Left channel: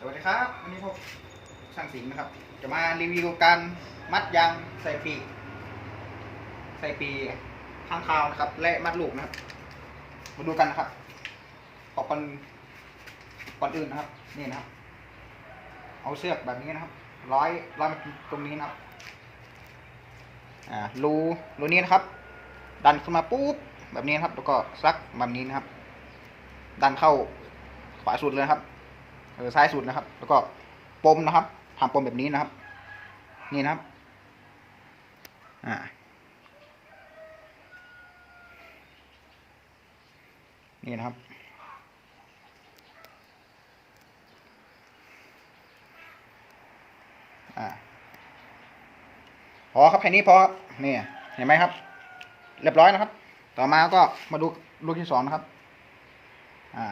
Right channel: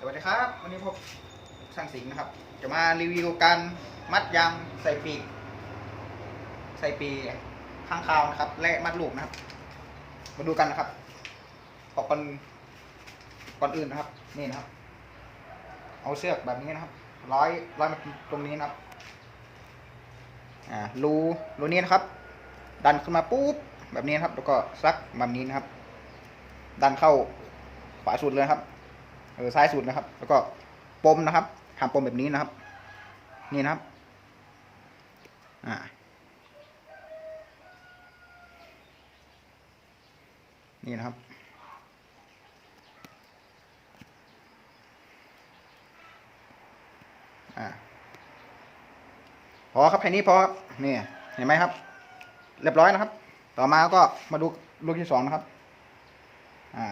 สวัสดีครับ วันนี้พบช่างสิงห์นะครับ จะมารีวิวการมัดยางใส่ปีกใส่ปีข้างคาวนะครับ และมัดลูกนะครับ มาดูกันนะครับขอก่อนก่อนอื่นนะครับ นี่นะครับ เอาเชือกแบบนี้นะครับ ร้อยร้อยมาตรงนี้นะครับ อ่ารูรูนี้นะครับ ดันขึ้นมาปุ๊บแบบนี้นะครับ แล้วก็ซักแบบนี้นะครับ ดันเข้าขวาสุดเลยครับ เออซ้ายสุดนะครับ แล้วก็ปมนะครับทำปมแบบนี้นะครับ นี่นะครับ อ่านี่นะครับ อ่าพอครับแค่นี้พอครับนี่เห็นไหมครับ เรียบร้อยนะครับ ต่อมาก็มาดูลูกที่สองนะครับ อ่า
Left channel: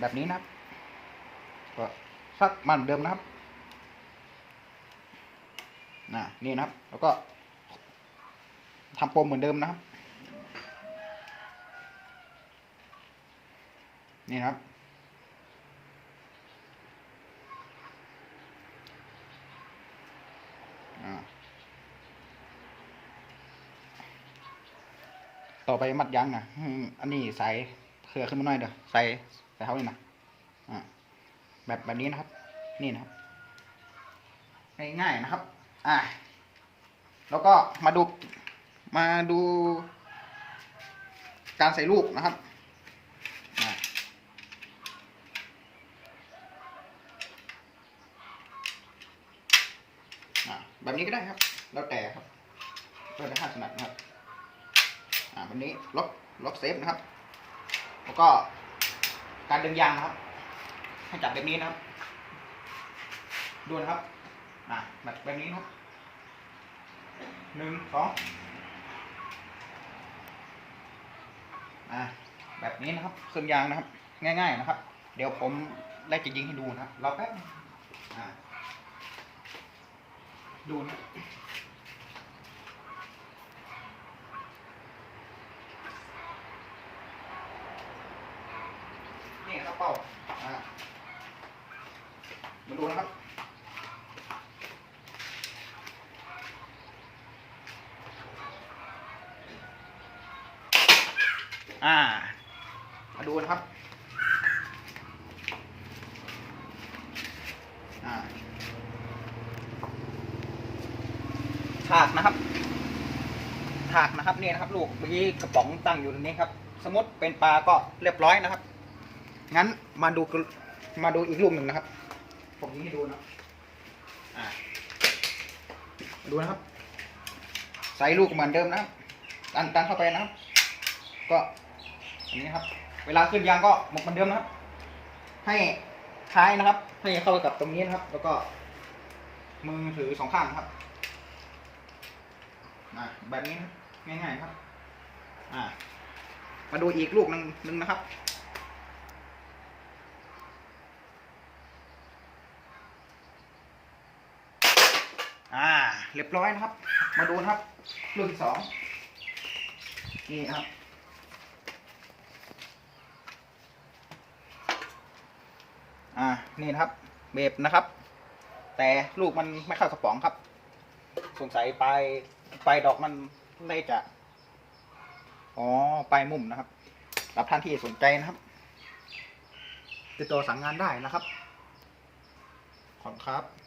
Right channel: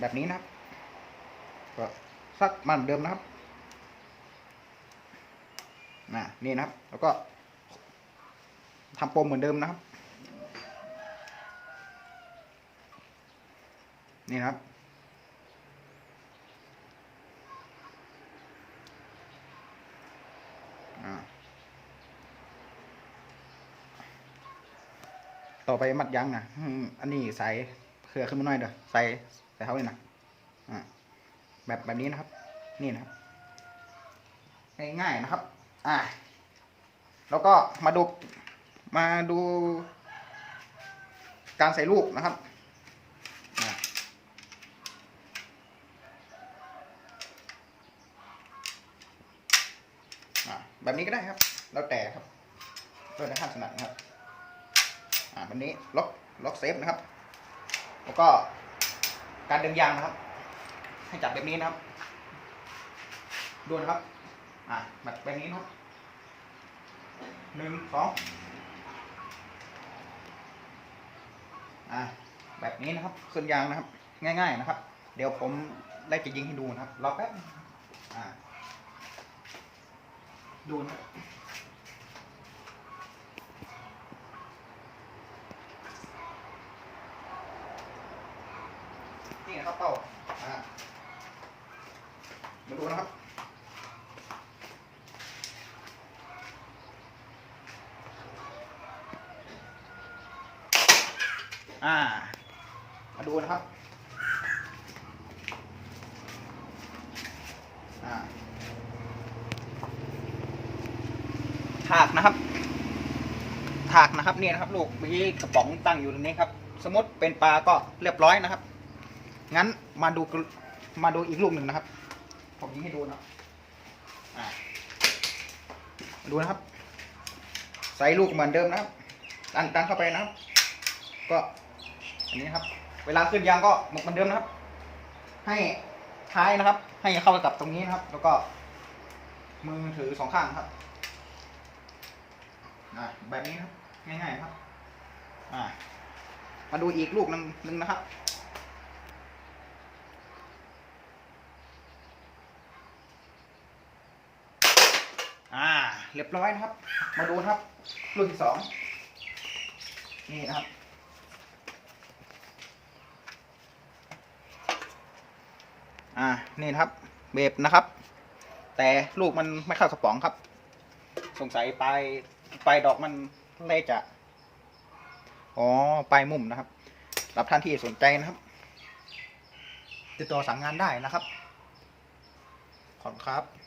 แบบนี้นะครับ ก็สักมันเหมือนเดิมนะครับน่ะนี่นะครับ แล้วก็ทำปมเหมือนเดิมนะครับ นี่นะครับ ต่อไปมัดยั้งนะอันนี้ใส่เครือขึ้นมาหน่อยเด้อใส่ใส่เขาเลยนะอ่า แบบแบบนี้นะครับ นี่นะครับ ง่ายๆนะครับ อ่า แล้วก็มาดูมาดู การใส่ลูกนะครับแบบนี้ก็ได้ครับ แล้วแต่ครับแล้วแต่ท่านถนัดนะครับ อ่าแบบนี้ล็อกล็อกเซฟนะครับ แล้วก็การดึงยางนะครับ ให้จับแบบนี้นะครับ ดูนะครับ อ่าแบบแบบนี้นะครับ หนึ่งสอง อ่าแบบนี้นะครับขึ้นยางนะครับ ง่าย ๆนะครับ เดี๋ยวผมไล่จะยิงให้ดูนะครับ รอแป๊บ อ่าดูนะนี่นะครับเป้าอ่า มาดูนะครับอ่า มาดูนะครับ อ่าถากนะครับ ถากนะครับนี่นะครับ ลูกเมื่อกี้กระป๋องตั้งอยู่ตรงนี้ครับ สมมติเป็นปลาก็เรียบร้อยนะครับ งั้นมาดูกมาดูอีกลูกหนึ่งนะครับ ผมยิงให้ดูนะอ่าดูนะครับ ใส่ลูกเหมือนเดิมนะครับดันดันเข้าไปนะครับ ก็อันนี้นะครับ เวลาขึ้นยางก็หมกเหมือนเดิมนะครับ ให้ท้ายนะครับ ให้เข้าไปกับตรงนี้นะครับ แล้วก็ มือถือสองข้างนะครับอ่าแบบนี้นะครับง่ายๆนะครับ อ่ามาดูอีกลูกหนึ่งหนึ่งนะครับ อ่า เรียบร้อยนะครับ มาดูนะครับลูกที่สองนี่ครับ อ่า นี่นะครับ เบบนะครับ แต่ลูกมันไม่เข้ากระป๋องครับ สงสัยปลายปลายดอกมันเลยจะ อ๋อ ปลายมุมนะครับรับท่านที่สนใจนะครับ ติดต่อสั่งงานได้นะครับ ขอบคุณครับ